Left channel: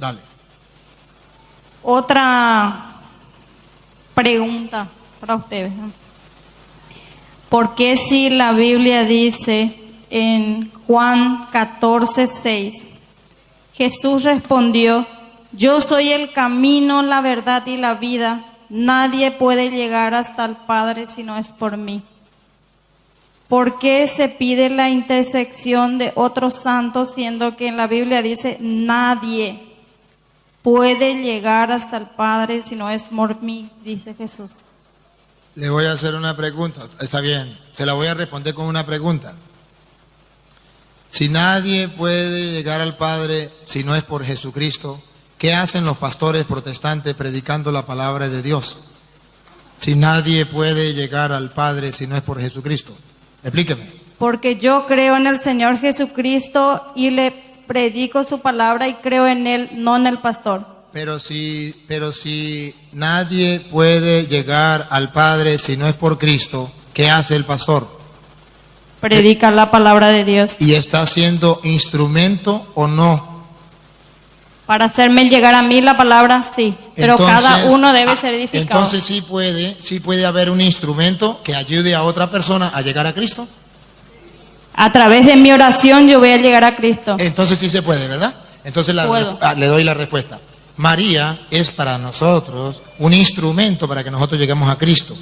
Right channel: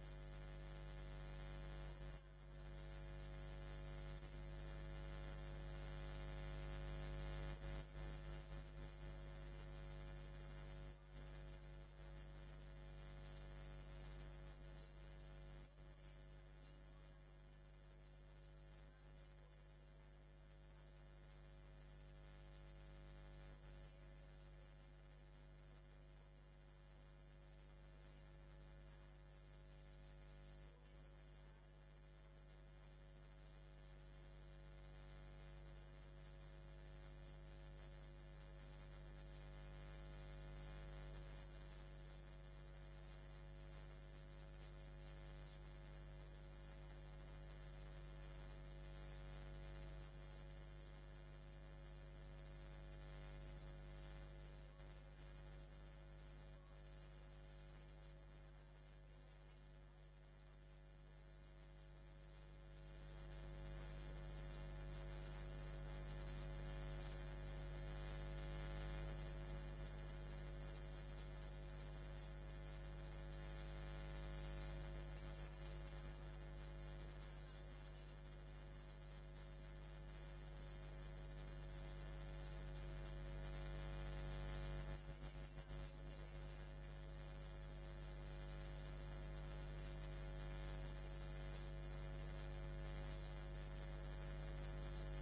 Dale. Otra pregunta para ustedes, ¿no? ¿Por qué si la Biblia dice en Juan 14:6, Jesús respondió: yo soy el camino, la verdad y la vida, nadie puede llegar hasta el Padre si no es por mí? ¿Por qué se pide la intersección de otros santos, siendo que en la Biblia dice nadie puede llegar hasta el Padre si no es por mí, dice Jesús? Le voy a hacer una pregunta. Está bien, se la voy a responder con una pregunta. Si nadie puede llegar al Padre si no es por Jesucristo, ¿qué hacen los pastores protestantes predicando la palabra de Dios? Si nadie puede llegar al Padre si no es por Jesucristo. Explíqueme. Porque yo creo en el Señor Jesucristo y le predico su palabra y creo en Él, no en el pastor. Pero si nadie puede llegar al Padre si no es por Cristo, ¿qué hace el pastor? Predica la palabra de Dios. ¿Y está siendo instrumento o no? Para hacerme llegar a mí la palabra, sí. Pero Entonces, cada uno debe ser edificado. Entonces sí puede haber un instrumento que ayude a otra persona a llegar a Cristo. A través de mi oración yo voy a llegar a Cristo. Entonces sí se puede, ¿verdad? Entonces Puedo. le doy la respuesta. María es para nosotros un instrumento para que nosotros lleguemos a Cristo.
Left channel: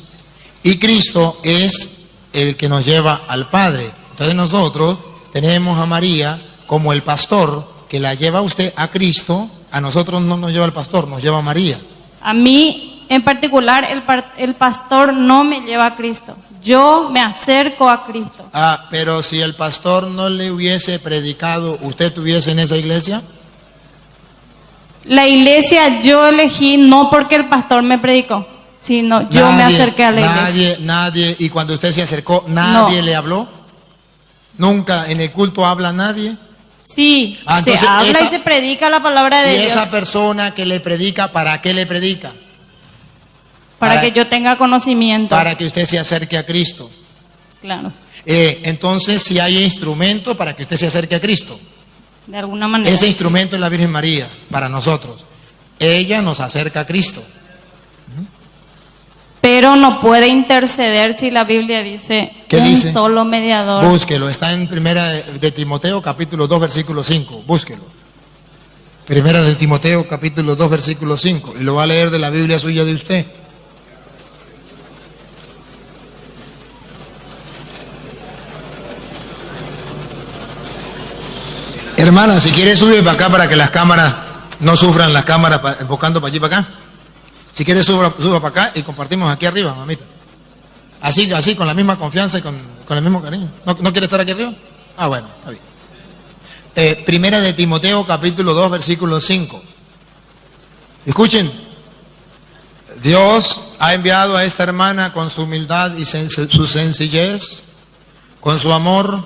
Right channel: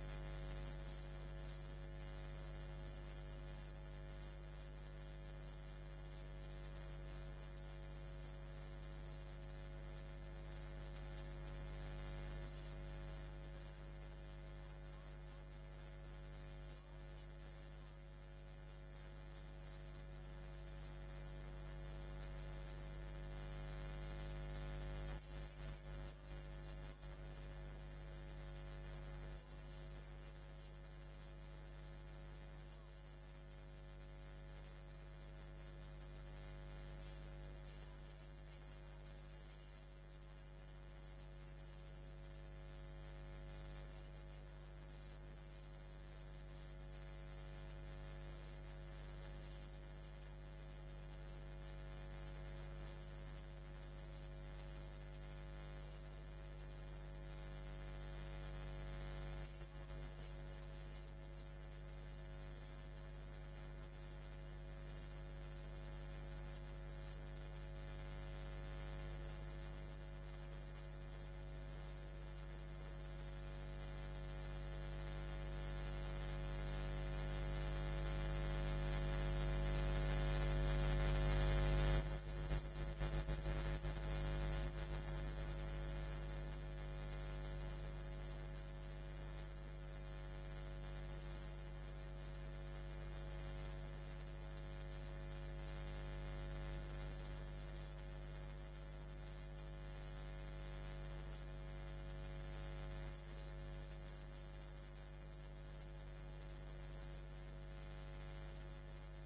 Y Cristo es el que nos lleva al Padre. Entonces nosotros tenemos a María como el pastor que la lleva a usted a Cristo. A nosotros no nos lleva el pastor, nos lleva a María. A mí en particular el pastor no me lleva a Cristo. Yo me acerco a Cristo. Pero si el pastor no le hubiese predicado, ¿usted estuviese en esa iglesia? La iglesia yo elegí no porque el pastor me predicó, sino yo me acerqué a la iglesia. Nadie, y cuando usted se acercó, nadie No. le habló. Nunca en el culto habla nadie. Sí, se Entonces, habla y se predica la palabra de Y Dios. esa persona que le predica, ¿para qué le predica? Para que yo tenga conocimiento. Para que usted se acerque a Cristo. Claro, Entonces, si hay instrumento para que usted se acerque a Cristo. de alguna manera. Ese instrumento es la Virgen María, para nosotros. Ella nos acerca a Cristo. Pero no puede interceder si la Biblia dice ¿Qué un dice? solo mediador. Búsquelo, está en Primera de Timoteo, capítulo 2, versículo 5. Búsquelo. Primera de Timoteo, capítulo 2, versículo 5. Y lo va a leer de la Biblia suya de usted. Hermana, si quiere sube para acá para que las cámaras no sufran, las cámaras enfocando para allí para acá. Si quiere suba para acá y compartimos aquí arriba, mamita. Así, con la misma confianza y con el mismo cariño. ¿No quiere estar aquí arriba? Bueno, está bien. Primera de Timoteo, capítulo 2, versículo 5. Escuchen. Dios ha enviado a esta hermana con su humildad y su sencillez, con su amor,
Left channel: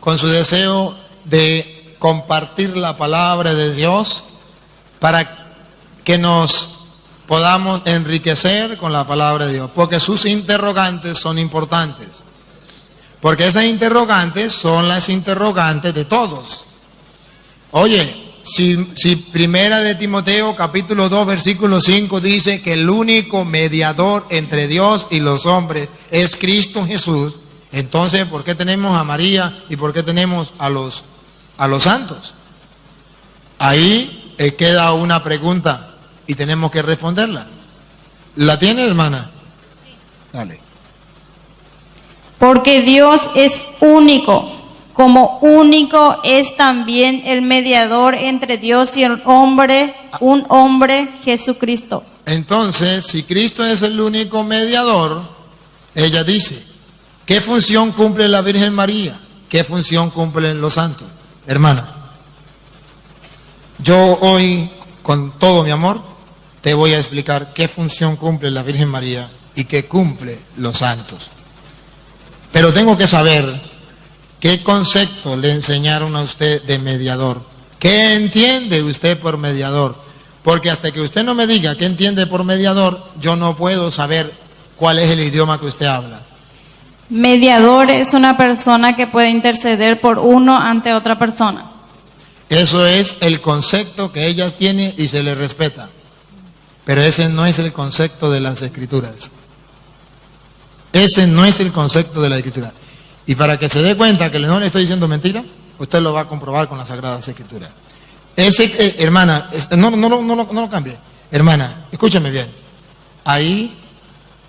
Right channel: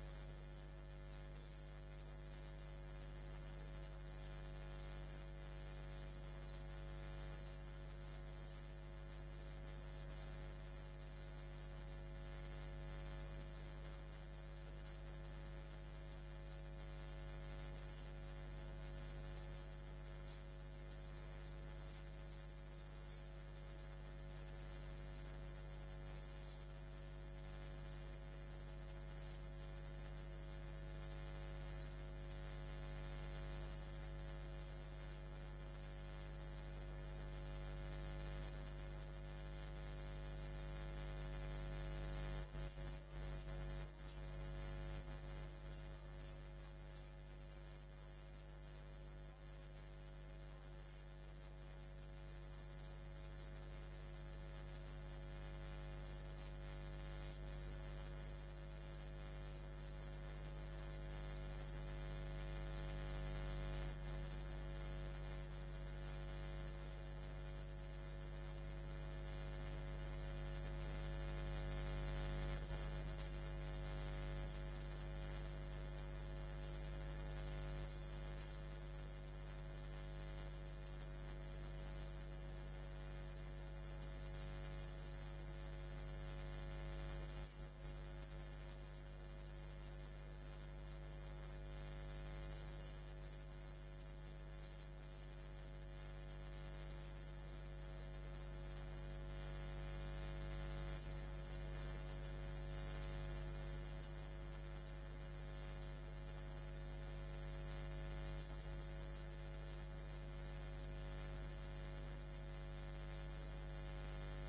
con su deseo de compartir la palabra de Dios para que nos podamos enriquecer con la palabra de Dios, porque sus interrogantes son importantes, porque esas interrogantes son las interrogantes de todos. Oye, si Primera de Timoteo capítulo 2 versículo 5 dice que el único mediador entre Dios y los hombres es Cristo Jesús, entonces ¿por qué tenemos a María y por qué tenemos a los santos? Ahí queda una pregunta y tenemos que responderla. ¿La tiene, hermana? Dale. Porque Dios es único, como único es también el mediador entre Dios y el hombre, un hombre, Jesucristo. Entonces, si Cristo es el único mediador, ella dice, ¿qué función cumple la Virgen María? ¿Qué función cumplen los santos? Hermana, yo hoy, con todo mi amor, te voy a explicar qué función cumple la Virgen María y qué cumple los santos. Pero tengo que saber qué concepto le enseñaron a usted de mediador. ¿Qué entiende usted por mediador? Porque hasta que usted no me diga qué entiende por mediador, yo no puedo saber cuál es el idioma que usted habla. Mediador es una persona que puede interceder por uno ante otra persona. Eso es el concepto que ellas tienen y se les respeta. Pero ese no es el concepto de las Escrituras. Ese no es el concepto de la Escritura. Y para que se dé cuenta que no le estoy diciendo mentira, usted lo va a comprobar con las Sagradas Escrituras. Hermana, no lo cambie. Hermana, escúchame bien. Ahí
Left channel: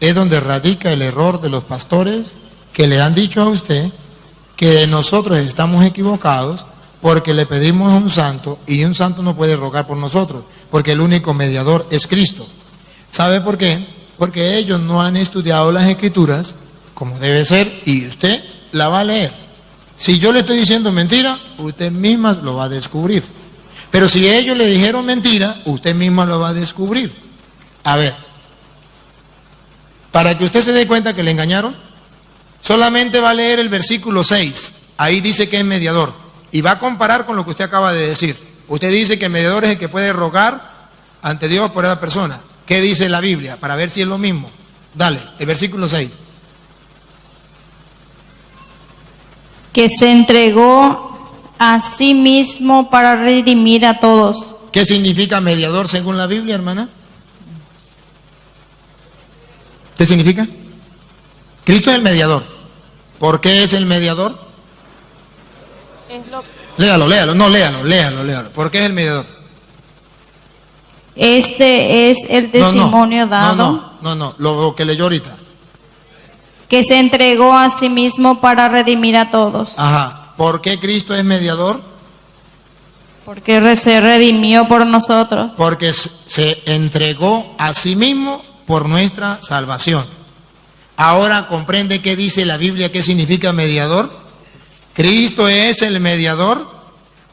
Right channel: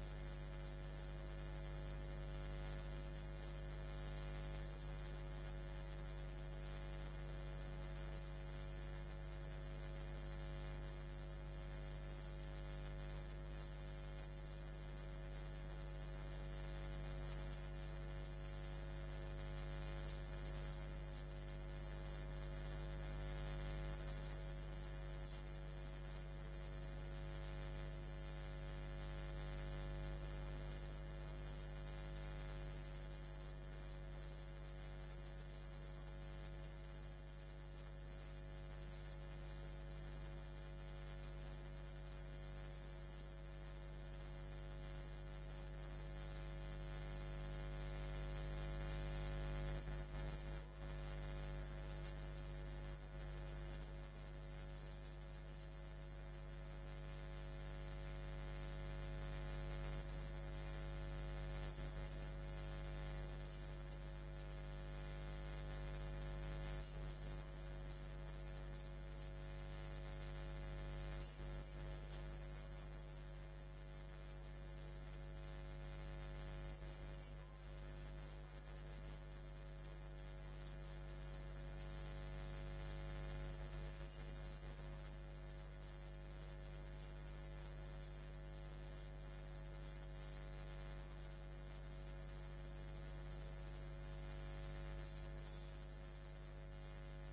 es donde radica el error de los pastores que le han dicho a usted que nosotros estamos equivocados porque le pedimos a un santo y un santo no puede rogar por nosotros, porque el único mediador es Cristo. ¿Sabe por qué? Porque ellos no han estudiado las Escrituras como debe ser y usted la va a leer. Si yo le estoy diciendo mentira, usted misma lo va a descubrir. Pero si ellos le dijeron mentira, usted misma lo va a descubrir. A ver, para que usted se dé cuenta que le engañaron, solamente va a leer el versículo 6. Ahí dice que es mediador. Y va a comparar con lo que usted acaba de decir. Usted dice que el mediador es el que puede rogar ante Dios por esa persona. ¿Qué dice la Biblia? Para ver si es lo mismo. Dale, el versículo 6. Que se entregó a sí mismo para redimir a todos. ¿Qué significa mediador según la Biblia, hermana? ¿Qué significa? Cristo es el mediador. ¿Por qué es el mediador? Léalo. ¿Por qué es el mediador? Este es el testimonio dado. No, lo que leyó ahorita. Que se entregó a sí mismo para redimir a todos. Ajá. ¿Por qué Cristo es mediador? Porque se redimió por nosotros. Porque se entregó a sí mismo por nuestra salvación. Ahora comprende qué dice la Biblia, qué significa mediador. Cristo es el mediador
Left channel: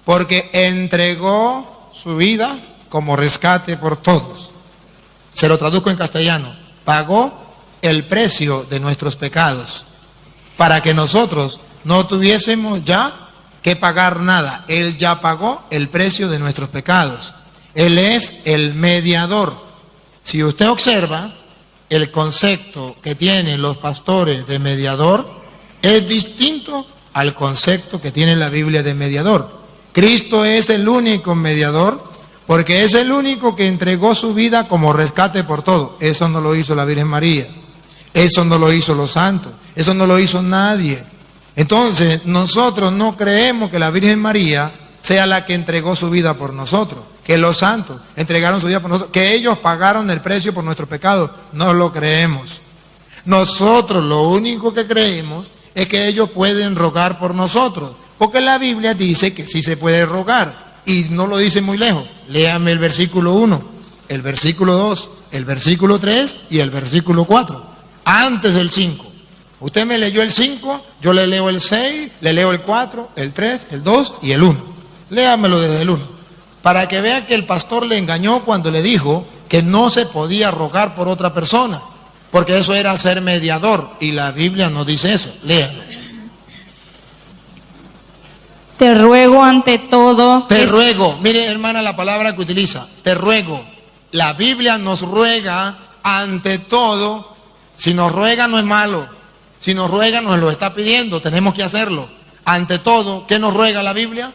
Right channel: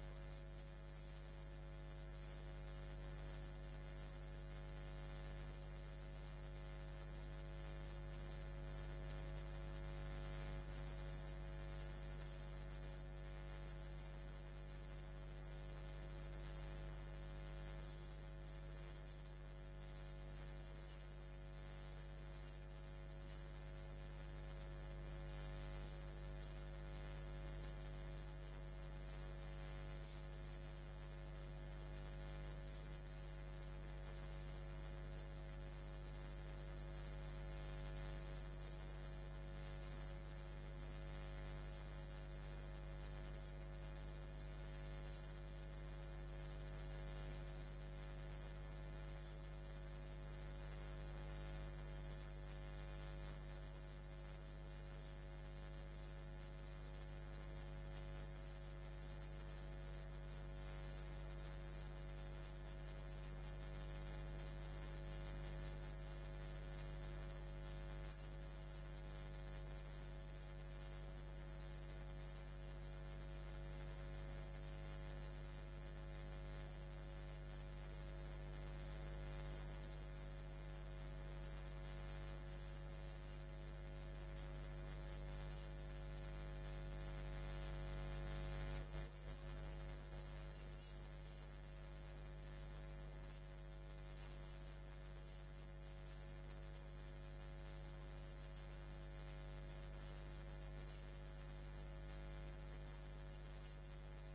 porque entregó su vida como rescate por todos. Se lo traduzco en castellano. Pagó el precio de nuestros pecados para que nosotros no tuviésemos ya que pagar nada. Él ya pagó el precio de nuestros pecados. Él es el mediador. Si usted observa, el concepto que tienen los pastores de mediador es distinto al concepto que tiene la Biblia de mediador. Cristo es el único mediador porque es el único que entregó su vida como rescate por todo. Eso no lo hizo la Virgen María, eso no lo hizo los santos, eso no lo hizo nadie. Entonces nosotros no creemos que la Virgen María sea la que entregó su vida por nosotros, que los santos entregaron su vida por nosotros, que ellos pagaron el precio por nuestros pecados. No lo creemos. Nosotros lo único que creemos es que ellos pueden rogar por nosotros, porque la Biblia dice que sí se puede rogar, y no lo dice muy lejos. Léame el versículo 1, el versículo 2, el versículo 3 y el versículo 4, antes del 5. Usted me leyó el 5, yo le leo el 6, le leo el 4, el 3, el 2 y el 1. Léamelo desde el 1, para que vea que el pastor le engañó cuando le dijo que no se podía rogar por otra persona, porque eso era ser mediador, y la Biblia no dice eso. Léalo. Te ruego ante todo. Te ruego, mire hermana la palabra que utiliza, te ruego. La Biblia nos ruega ante todo. Si nos ruega no es malo, si nos ruega nos lo está pidiendo, tenemos que hacerlo. Ante todo, ¿qué nos ruega la Biblia?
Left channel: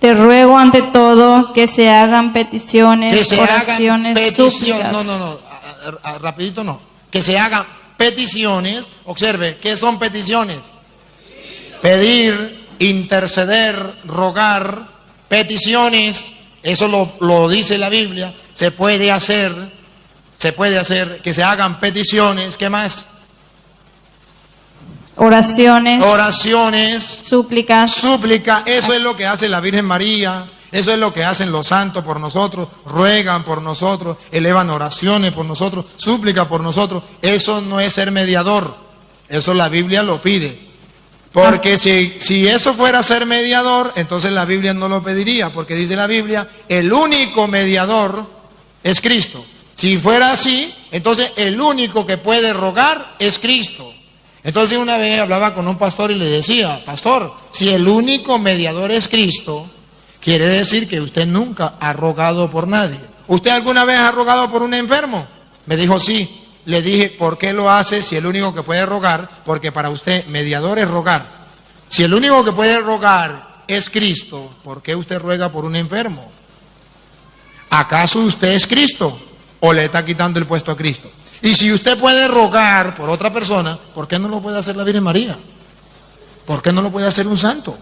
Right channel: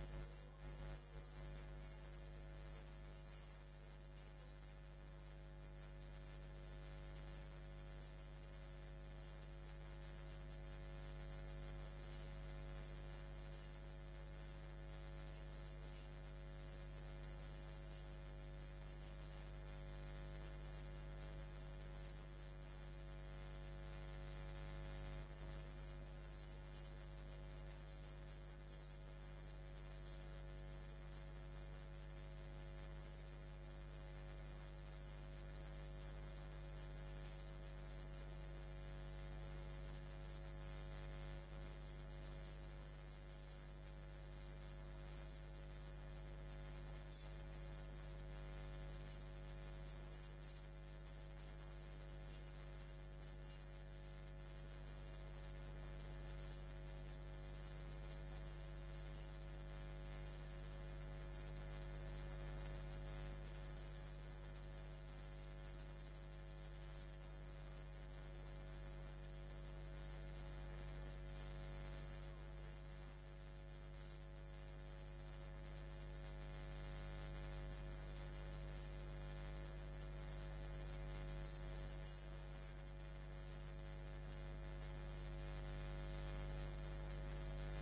Te ruego ante todo que se hagan peticiones, que se oraciones, hagan peticiones, súplicas. Rapidito no. Que se hagan peticiones. Observe, ¿qué son peticiones? Pedir, interceder, rogar, peticiones. Eso lo dice la Biblia. Se puede hacer que se hagan peticiones. ¿Qué más? Oraciones, súplicas. Súplica, eso es lo que hace la Virgen María, eso es lo que hacen los santos por nosotros, ruegan por nosotros, elevan oraciones por nosotros, súplica por nosotros. Eso no es ser mediador, eso la Biblia lo pide. Porque si eso fuera ser mediador, entonces la Biblia no lo pediría, porque dice la Biblia, el único mediador es Cristo. Si fuera así, entonces el único que puede rogar es Cristo. Entonces una vez hablaba con un pastor y le decía, pastor, si el único mediador es Cristo, quiere decir que usted nunca ha rogado por nadie. ¿Usted alguna vez ha rogado por un enfermo? Me dijo sí. Le dije, ¿por qué lo hace si el único que puede rogar? Porque para usted mediador es rogar. Si el único que puede rogar es Cristo, ¿por qué usted ruega por un enfermo? ¿Acaso usted es Cristo o le está quitando el puesto a Cristo? Y si usted puede rogar por otra persona, ¿por qué no lo puede hacer la Virgen María? ¿Por qué no lo puede hacer un santo?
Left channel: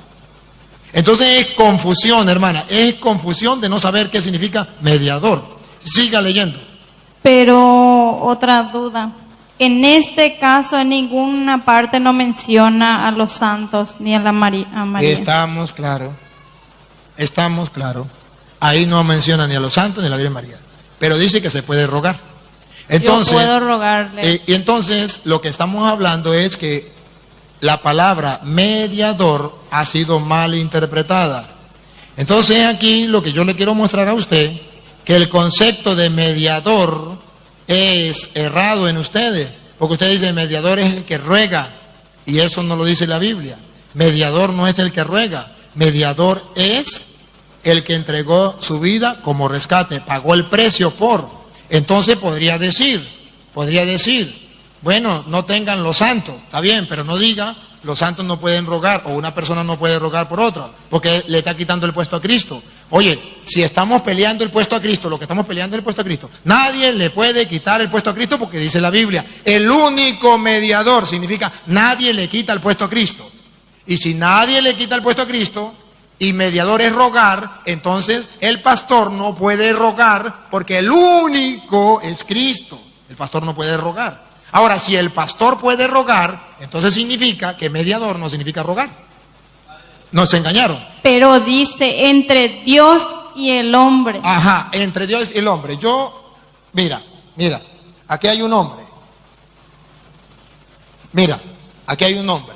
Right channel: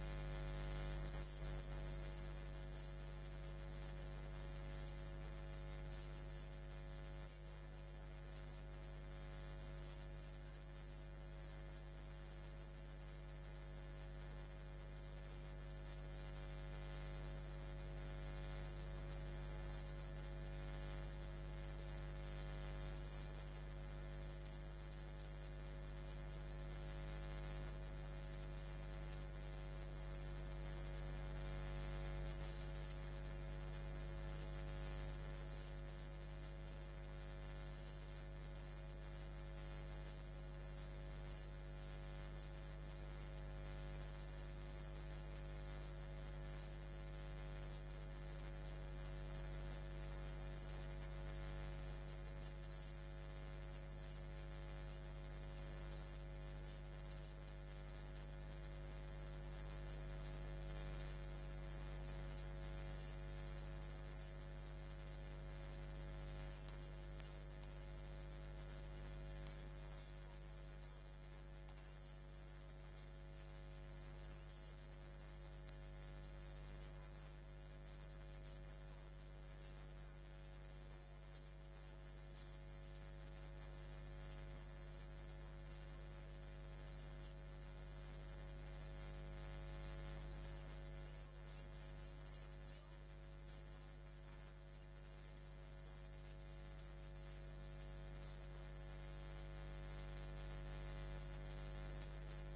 Entonces es confusión, hermana, es confusión de no saber qué significa mediador. Siga leyendo. Pero otra duda. En este caso, en ninguna parte no menciona a los santos ni a a María. Estamos claros. Ahí no menciona ni a los santos ni a la Virgen María. Pero dice que se puede rogar. Entonces, yo puedo rogarle. Y entonces lo que estamos hablando es que la palabra mediador ha sido mal interpretada. Entonces aquí lo que yo le quiero mostrar a usted, que el concepto de mediador es errado en ustedes, porque usted dice mediador es el que ruega, y eso no lo dice la Biblia. Mediador no es el que ruega, mediador es el que entregó su vida como rescate, pagó el precio por. Entonces podría decir, bueno, no tengan los santos, está bien, pero no diga los santos no pueden rogar o una persona no puede rogar por otra, porque le está quitando el puesto a Cristo. Oye, si estamos peleando el puesto a Cristo, lo que estamos peleando es el puesto a Cristo. Nadie le puede quitar el puesto a Cristo porque dice la Biblia, el único mediador significa nadie le quita el puesto a Cristo. Y si nadie le quita el puesto a Cristo y mediador es rogar, entonces el pastor no puede rogar porque el único es Cristo. El pastor no puede rogar. Ahora, si el pastor puede rogar, entonces significa que mediador no significa rogar. Nos engañaron. Pero dice entre Dios y el hombre. Ajá, entre Dios y el hombre. Mira, aquí hay un hombre. Mira, aquí hay un hombre.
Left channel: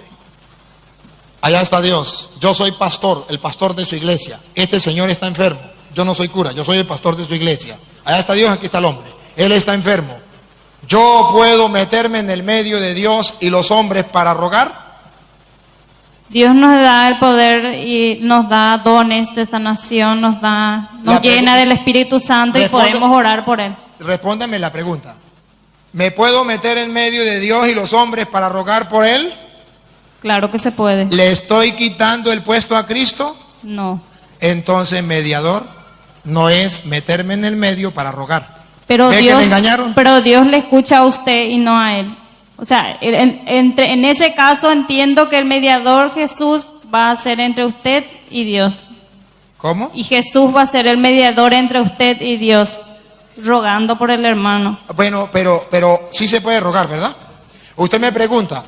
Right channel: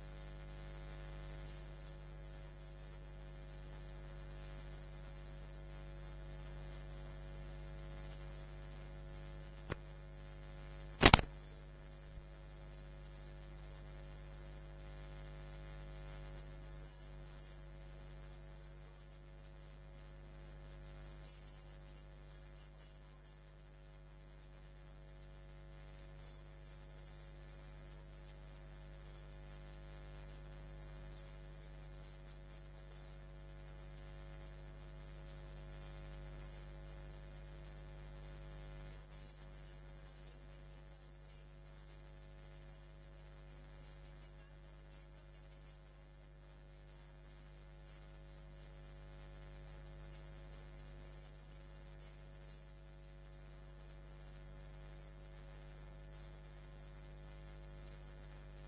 Allá está Dios. Yo soy pastor, el pastor de su iglesia. Este señor está enfermo. Yo no soy cura, yo soy el pastor de su iglesia. Allá está Dios, aquí está el hombre. Él está enfermo. ¿Yo puedo meterme en el medio de Dios y los hombres para rogar? Dios nos da el poder y nos da dones de sanación, nos llena del Espíritu Santo y podemos orar por Él. Respóndame la pregunta. ¿Me puedo meter en medio de Dios y los hombres para rogar por Él? Claro que se puede. ¿Le estoy quitando el puesto a Cristo? No. Entonces, mediador no es meterme en el medio para rogar. Pero ¿Ve que me engañaron? Pero Dios le escucha a usted y no a Él. O sea, en ese caso entiendo que el mediador Jesús va a ser entre usted y Dios. ¿Cómo? Y Jesús va a ser el mediador entre usted y Dios, rogando por el hermano. Bueno, pero sí se puede rogar, ¿verdad? Usted me pregunta,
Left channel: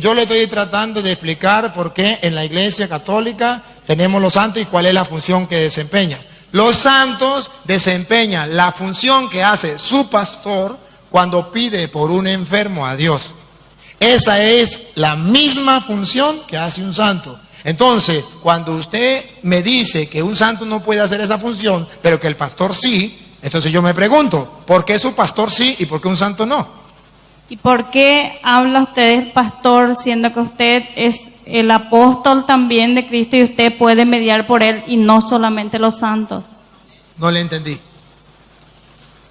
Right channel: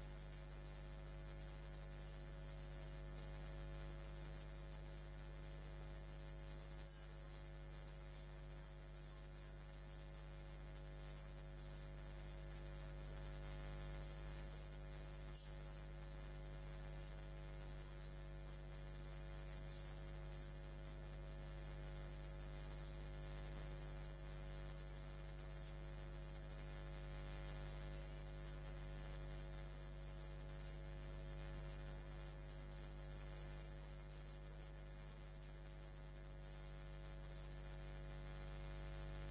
yo le estoy tratando de explicar por qué en la Iglesia Católica tenemos los santos y cuál es la función que desempeñan. Los santos desempeñan la función que hace su pastor cuando pide por un enfermo a Dios. Esa es la misma función que hace un santo. Entonces, cuando usted me dice que un santo no puede hacer esa función, pero que el pastor sí, entonces yo me pregunto, ¿por qué su pastor sí y por qué un santo no? ¿Y por qué habla usted del pastor siendo que usted es el apóstol también de Cristo y usted puede mediar por él y no solamente los santos? No le entendí.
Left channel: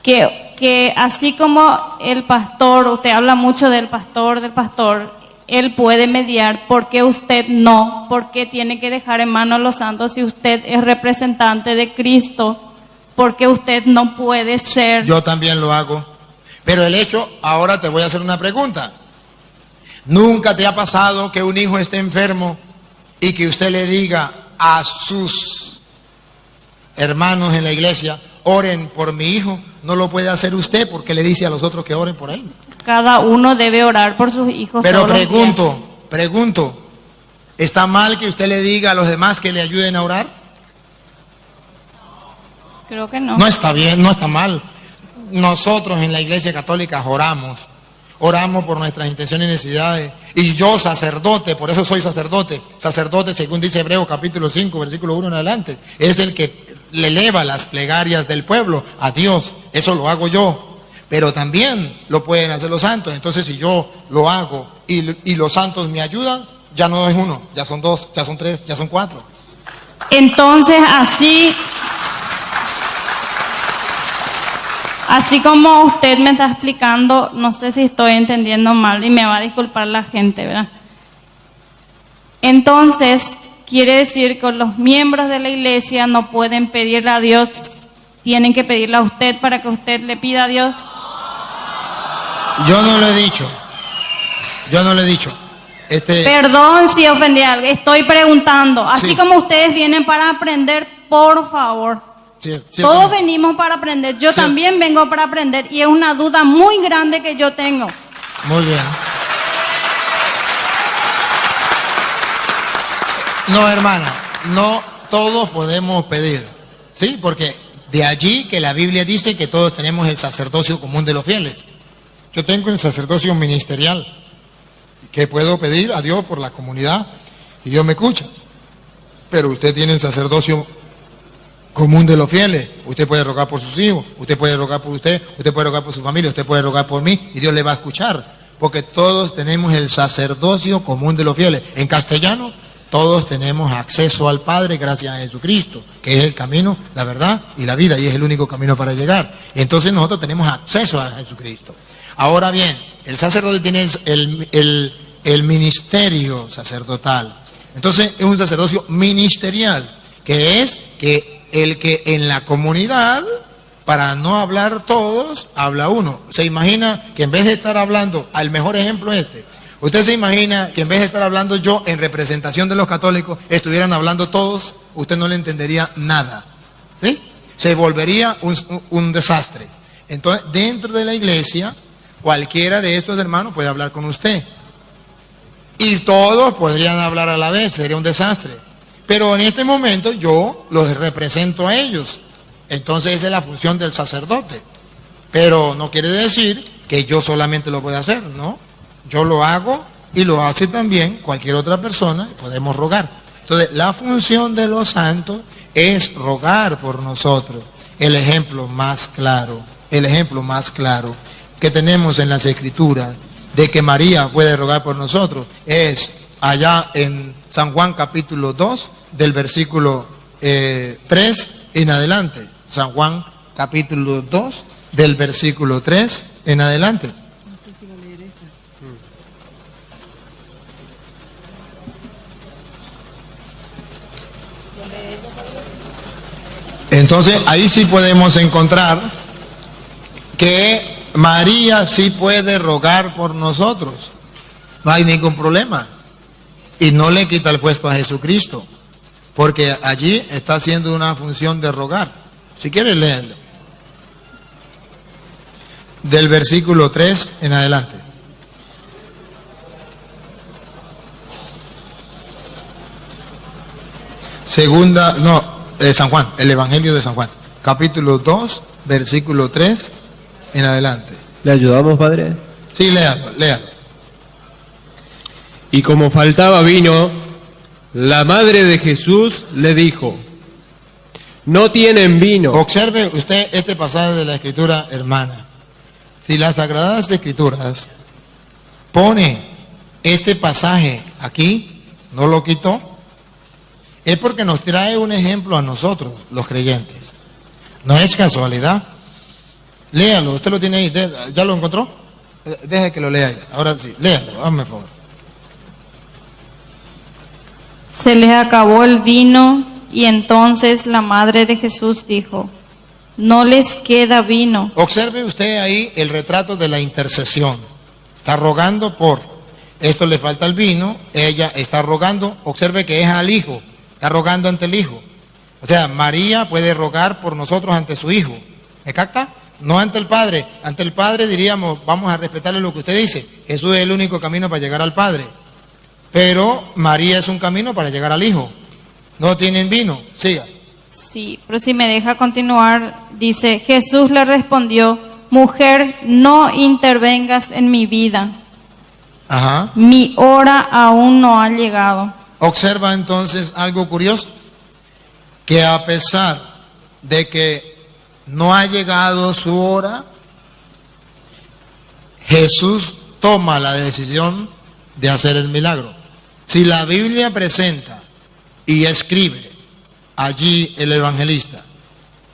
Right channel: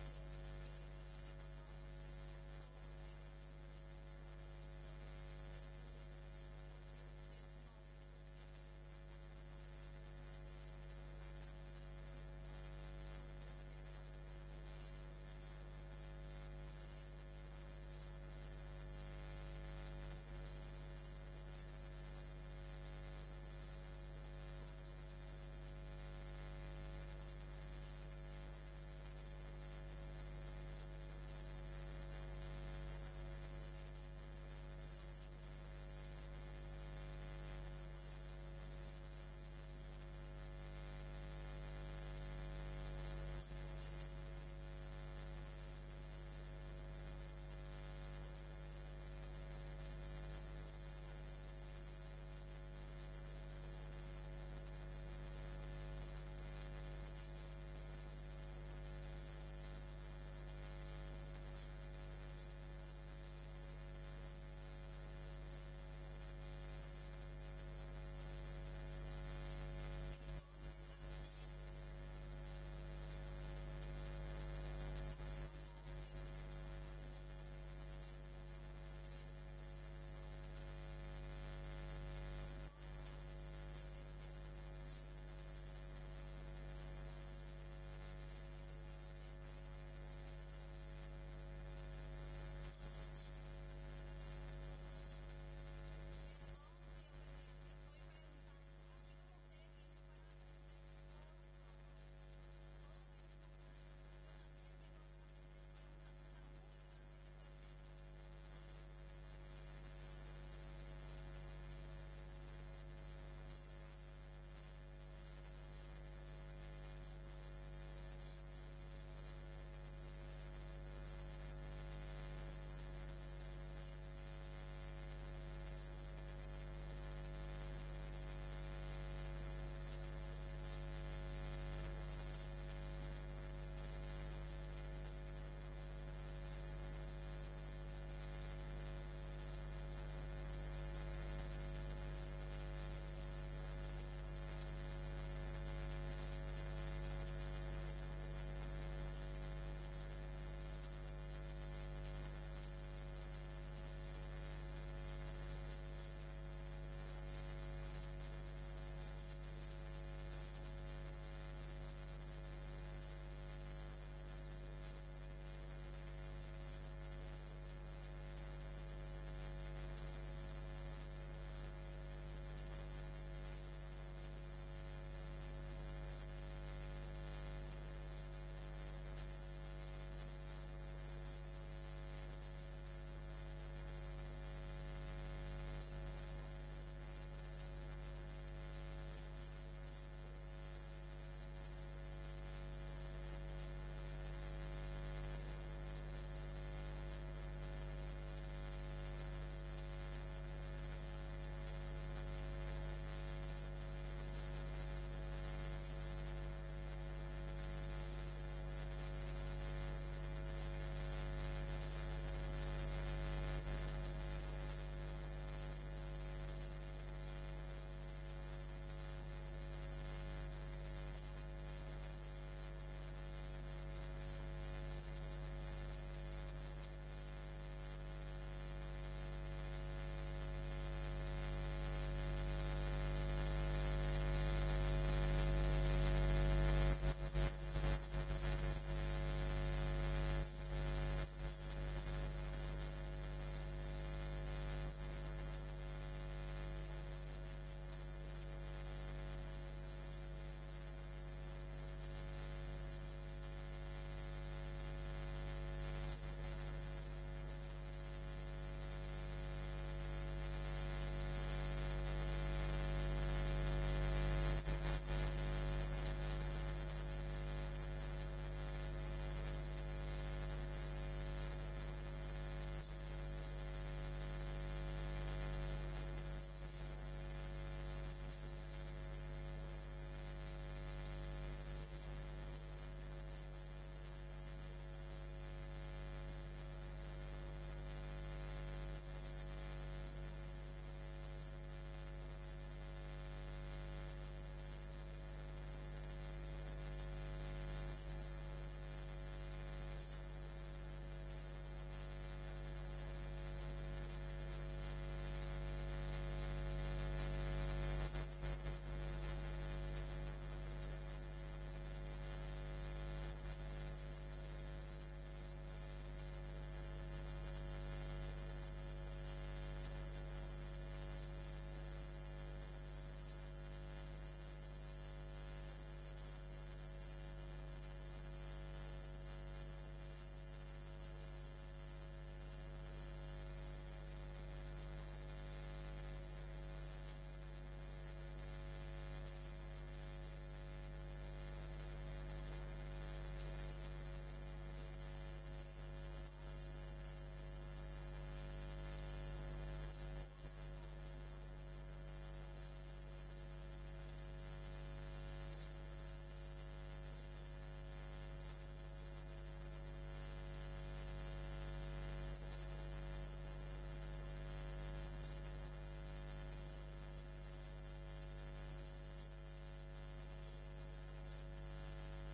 Que así como el pastor, usted habla mucho del pastor, él puede mediar, ¿por qué usted no? ¿Por qué tiene que dejar en manos a los santos si usted es representante de Cristo? ¿Por qué usted no puede ser? Yo también lo hago. Pero el hecho, ahora te voy a hacer una pregunta. ¿Nunca te ha pasado que un hijo esté enfermo y que usted le diga a sus hermanos en la iglesia, oren por mi hijo? No lo puede hacer usted porque le dice a los otros que oren por él. Cada uno debe orar por sus hijos. Pero pregunto, ¿está mal que usted le diga a los demás que le ayuden a orar? Creo que no. No está bien, no está mal. Nosotros en la Iglesia Católica oramos por nuestras intenciones y necesidades. Y yo, sacerdote, por eso soy sacerdote, según dice Hebreos capítulo 5, versículo 1 en adelante, es el que le eleva las plegarias del pueblo a Dios. Eso lo hago yo, pero también lo pueden hacer los santos. Entonces, si yo lo hago y los santos me ayudan, ya no es uno, ya son dos, ya son tres, ya son cuatro. Entonces, así como usted me está explicando, no sé si estoy entendiendo mal y me va a disculpar la gente, ¿verdad? Entonces, quiere decir que los miembros de la iglesia no pueden pedirle a Dios, tienen que pedirle a usted para que usted le pida a Dios. Yo no lo he dicho. Yo no lo he dicho. Perdón si ofendí a alguien, estoy preguntando. Así Sí. como ustedes vienen para aprender, por favor. Todos venimos para aprender. Yo también vengo para aprender y es una duda muy grande que yo tengo. Muy bien. No, hermana, no todos podemos pedir, ¿sí? Porque de allí que la Biblia dice que todos tenemos el sacerdocio común de los fieles. Yo tengo el sacerdocio ministerial, que puedo pedir a Dios por la comunidad y Dios me escucha. Pero usted tiene el sacerdocio común de los fieles. Usted puede rogar por sus hijos, usted puede rogar por usted puede rogar por su familia, usted puede rogar por mí y Dios le va a escuchar. Porque todos tenemos el sacerdocio común de los fieles. En castellano, todos tenemos acceso al Padre gracias a Jesucristo, que es el camino, la verdad y la vida, y es el único camino para llegar. Entonces nosotros tenemos acceso a Jesucristo. Ahora bien, el sacerdote tiene el ministerio sacerdotal. Entonces es un sacerdocio ministerial, que es que el que en la comunidad, para no hablar todos, habla uno. Se imagina que en vez de estar hablando, al mejor ejemplo usted se imagina que en vez de estar hablando yo en representación de los católicos, estuvieran hablando todos, usted no le entendería nada, ¿sí? Se volvería un desastre. Entonces, dentro de la iglesia, cualquiera de estos hermanos puede hablar con usted. Y todos podrían hablar a la vez, sería un desastre. Pero en este momento yo los represento a ellos. Entonces esa es la función del sacerdote. Pero no quiere decir que yo solamente lo voy a hacer, ¿no? Yo lo hago y lo hace también cualquier otra persona, podemos rogar. Entonces la función de los santos es rogar por nosotros. El ejemplo más claro que tenemos en las Escrituras de que María puede rogar por nosotros es allá en San Juan capítulo 2 del versículo 3 en adelante. San Juan capítulo 2 del versículo 3 en adelante. Entonces ahí sí podemos encontrar que María sí puede rogar por nosotros. No hay ningún problema. Y no le quita el puesto a Jesucristo, porque allí está haciendo una función de rogar. Si quiere leerlo. Del versículo 3 en adelante. San Juan, el Evangelio de San Juan, capítulo 2, versículo 3 en adelante. ¿Le ayudamos, padre? Sí, léalo. Y como faltaba vino, la madre de Jesús le dijo: no tienen vino. Observe usted este pasaje de la Escritura, hermana. Si las Sagradas Escrituras pone este pasaje aquí, no lo quitó, es porque nos trae un ejemplo a nosotros, los creyentes. No es casualidad. Léalo, usted lo tiene ahí, ¿ya lo encontró? Deje que lo lea ahí. Ahora sí, léalo, hazme favor. Se les acabó el vino y entonces la madre de Jesús dijo: no les queda vino. Observe usted ahí el retrato de la intercesión. Está rogando por esto, le falta el vino, ella está rogando, observe que es al hijo, está rogando ante el hijo. O sea, María puede rogar por nosotros ante su hijo. ¿Me capta? No ante el Padre. Ante el Padre diríamos, vamos a respetarle lo que usted dice. Jesús es el único camino para llegar al Padre. Pero María es un camino para llegar al Hijo. No tienen vino. Siga. Sí, pero si me deja continuar, dice: Jesús le respondió: mujer, no intervengas en mi vida. Ajá. Mi hora aún no ha llegado. Observa entonces algo curioso, que a pesar de que no ha llegado su hora, Jesús toma la decisión de hacer el milagro. Si la Biblia presenta y escribe allí el evangelista:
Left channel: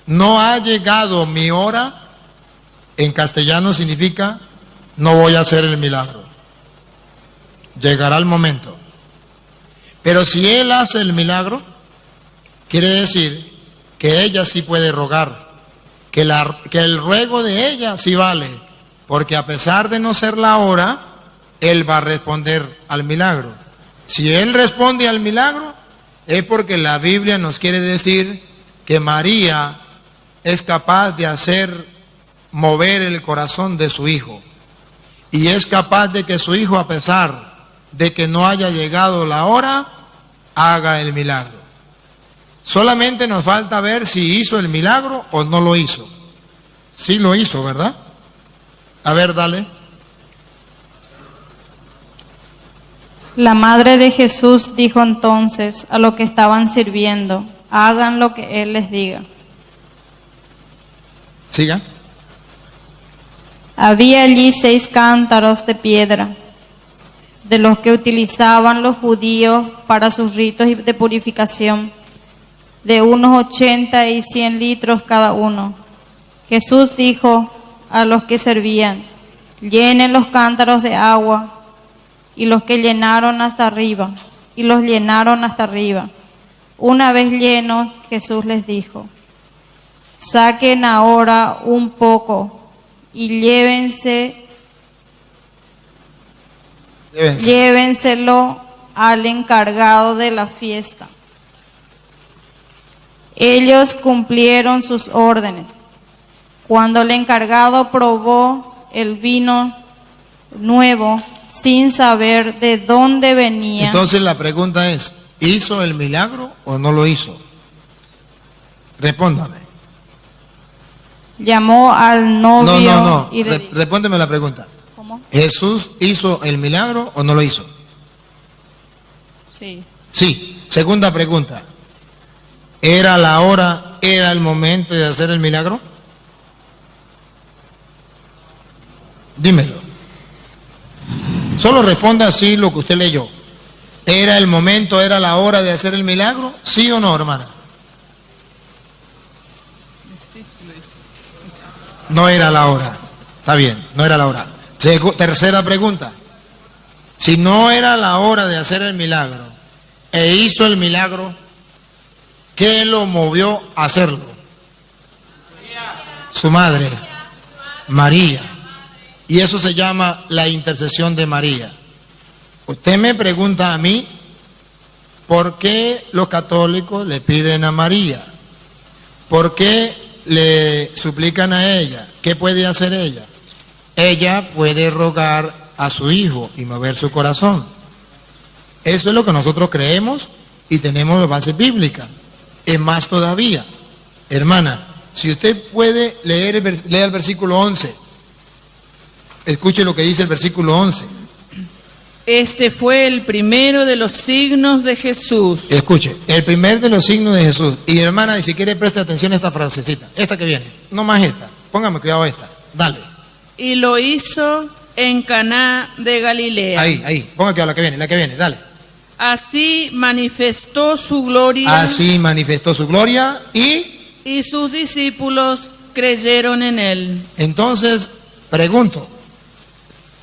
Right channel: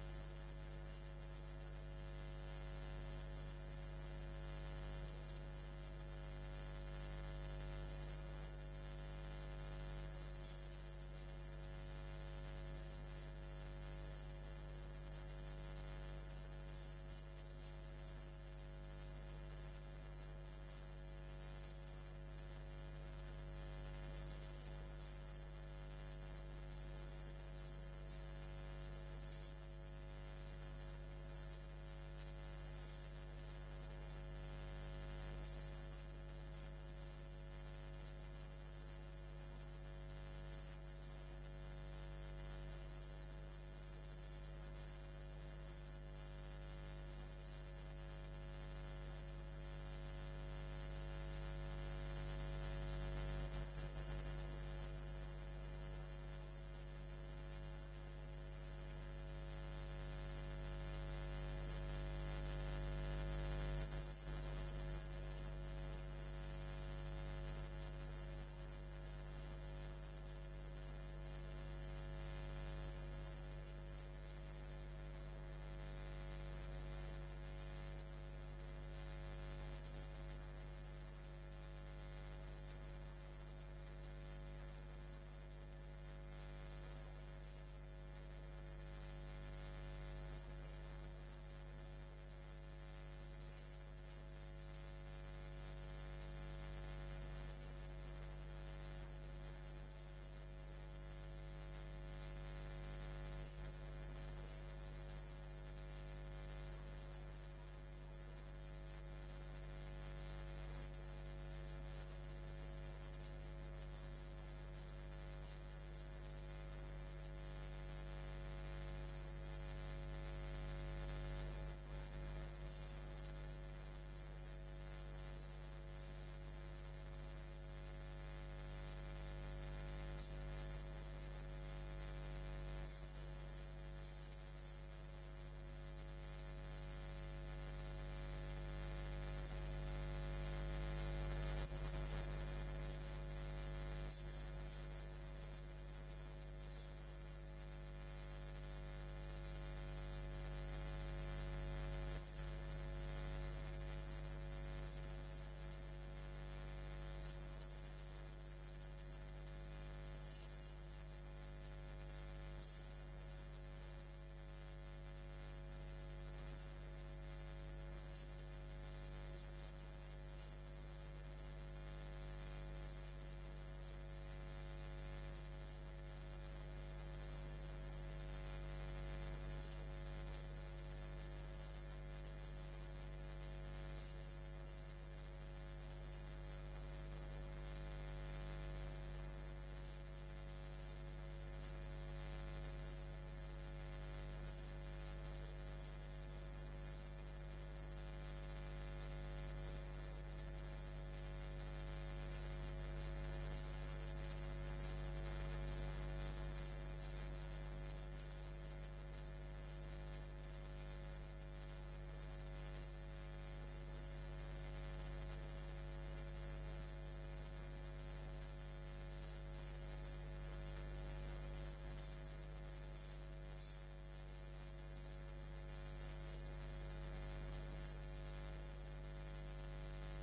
no ha llegado mi hora, en castellano significa no voy a hacer el milagro. Llegará el momento. Pero si él hace el milagro, quiere decir que ella sí puede rogar, que el ruego de ella sí vale, porque a pesar de no ser la hora, él va a responder al milagro. Si él responde al milagro, es porque la Biblia nos quiere decir que María es capaz de hacer mover el corazón de su hijo. Y es capaz de que su hijo, a pesar de que no haya llegado la hora, haga el milagro. Solamente nos falta ver si hizo el milagro o no lo hizo. Sí lo hizo, ¿verdad? A ver, dale. La madre de Jesús dijo entonces a los que estaban sirviendo: hagan lo que él les diga. Siga. Había allí 6 cántaros de piedra, de los que utilizaban los judíos para sus ritos de purificación, de unos 80 y 100 litros cada uno. Jesús dijo a los que servían: llenen los cántaros de agua. Y los que llenaron hasta arriba, y los llenaron hasta arriba. Una vez llenos, Jesús les dijo: saquen ahora un poco y llévenselo al encargado de la fiesta. Ellos cumplieron sus órdenes. Cuando el encargado probó el vino nuevo, sin saber de dónde venía. Entonces la pregunta es, ¿hizo el milagro o no lo hizo? Respóndame. Llamó al novio. No. Y le dijo, Respóndeme la pregunta. ¿cómo? ¿Jesús hizo el milagro o no lo hizo? Sí. Sí. Segunda pregunta. ¿Era la hora, era el momento de hacer el milagro? Dímelo. Solo responda así lo que usted leyó. ¿Era el momento, era la hora de hacer el milagro? ¿Sí o no, hermana? No era la hora. Está bien, no era la hora. Tercera pregunta. Si no era la hora de hacer el milagro e hizo el milagro, ¿qué lo movió a hacerlo? Su madre, María. Y eso se llama la intercesión de María. Usted me pregunta a mí, ¿por qué los católicos le piden a María? ¿Por qué le suplican a ella? ¿Qué puede hacer ella? Ella puede rogar a su hijo y mover su corazón. Eso es lo que nosotros creemos y tenemos la base bíblica. Es más todavía. Hermana, si usted puede leer lea el versículo 11. Escuche lo que dice el versículo 11. Este fue el primero de los signos de Jesús. Escuche, el primer de los signos de Jesús. Y hermana, si quiere preste atención a esta frasecita, esta que viene, no más esta. Póngame cuidado a esta. Dale. Y lo hizo en Caná de Galilea. Ahí, ponga cuidado a la que viene, dale. Así manifestó su gloria. Así manifestó su gloria y sus discípulos creyeron en él. Entonces, pregunto,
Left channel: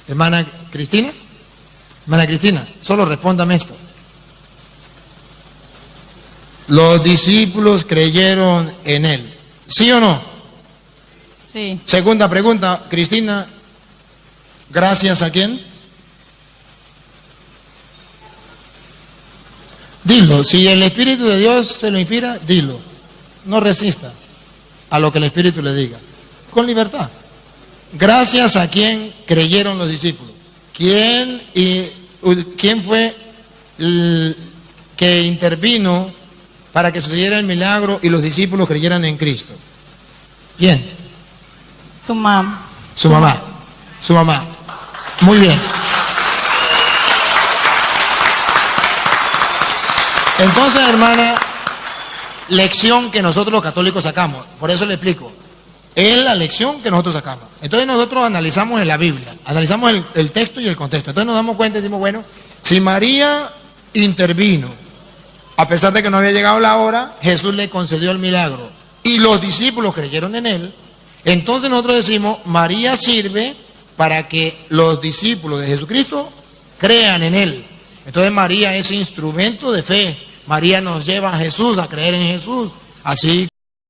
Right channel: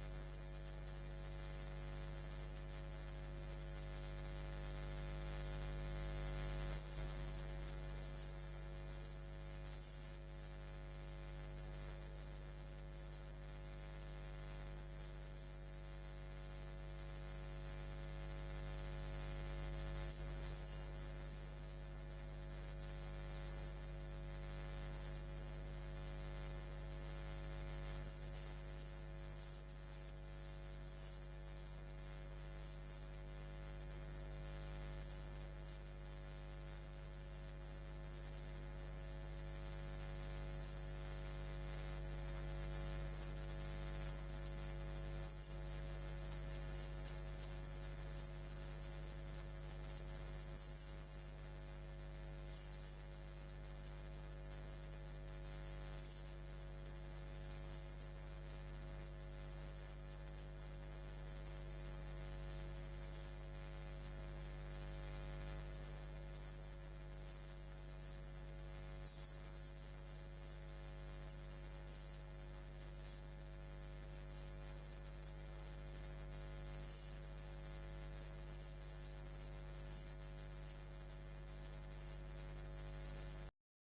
hermana Cristina, solo respóndame esto. Los discípulos creyeron en él, ¿sí o no? Sí. Segunda pregunta, Cristina, ¿gracias a quién? Dilo, si el Espíritu de Dios se lo inspira, dilo. No resista a lo que el Espíritu le diga, con libertad. Gracias a quién creyeron los discípulos. ¿Quién fue el que intervino para que sucediera el milagro y los discípulos creyeran en Cristo? ¿Quién? Su mamá. Su mamá. Muy bien. Entonces, hermana, lección que nosotros los católicos sacamos. Por eso le explico. Es la lección que nosotros sacamos. Entonces nosotros analizamos en la Biblia, analizamos el texto y el contexto. Entonces nos damos cuenta y decimos, bueno, si María intervino, a pesar de que no había llegado la hora, Jesús le concedió el milagro y los discípulos creyeron en él, entonces nosotros decimos, María sirve para que los discípulos de Jesucristo crean en él. Entonces María es instrumento de fe. María nos lleva a Jesús, a creer en Jesús. Así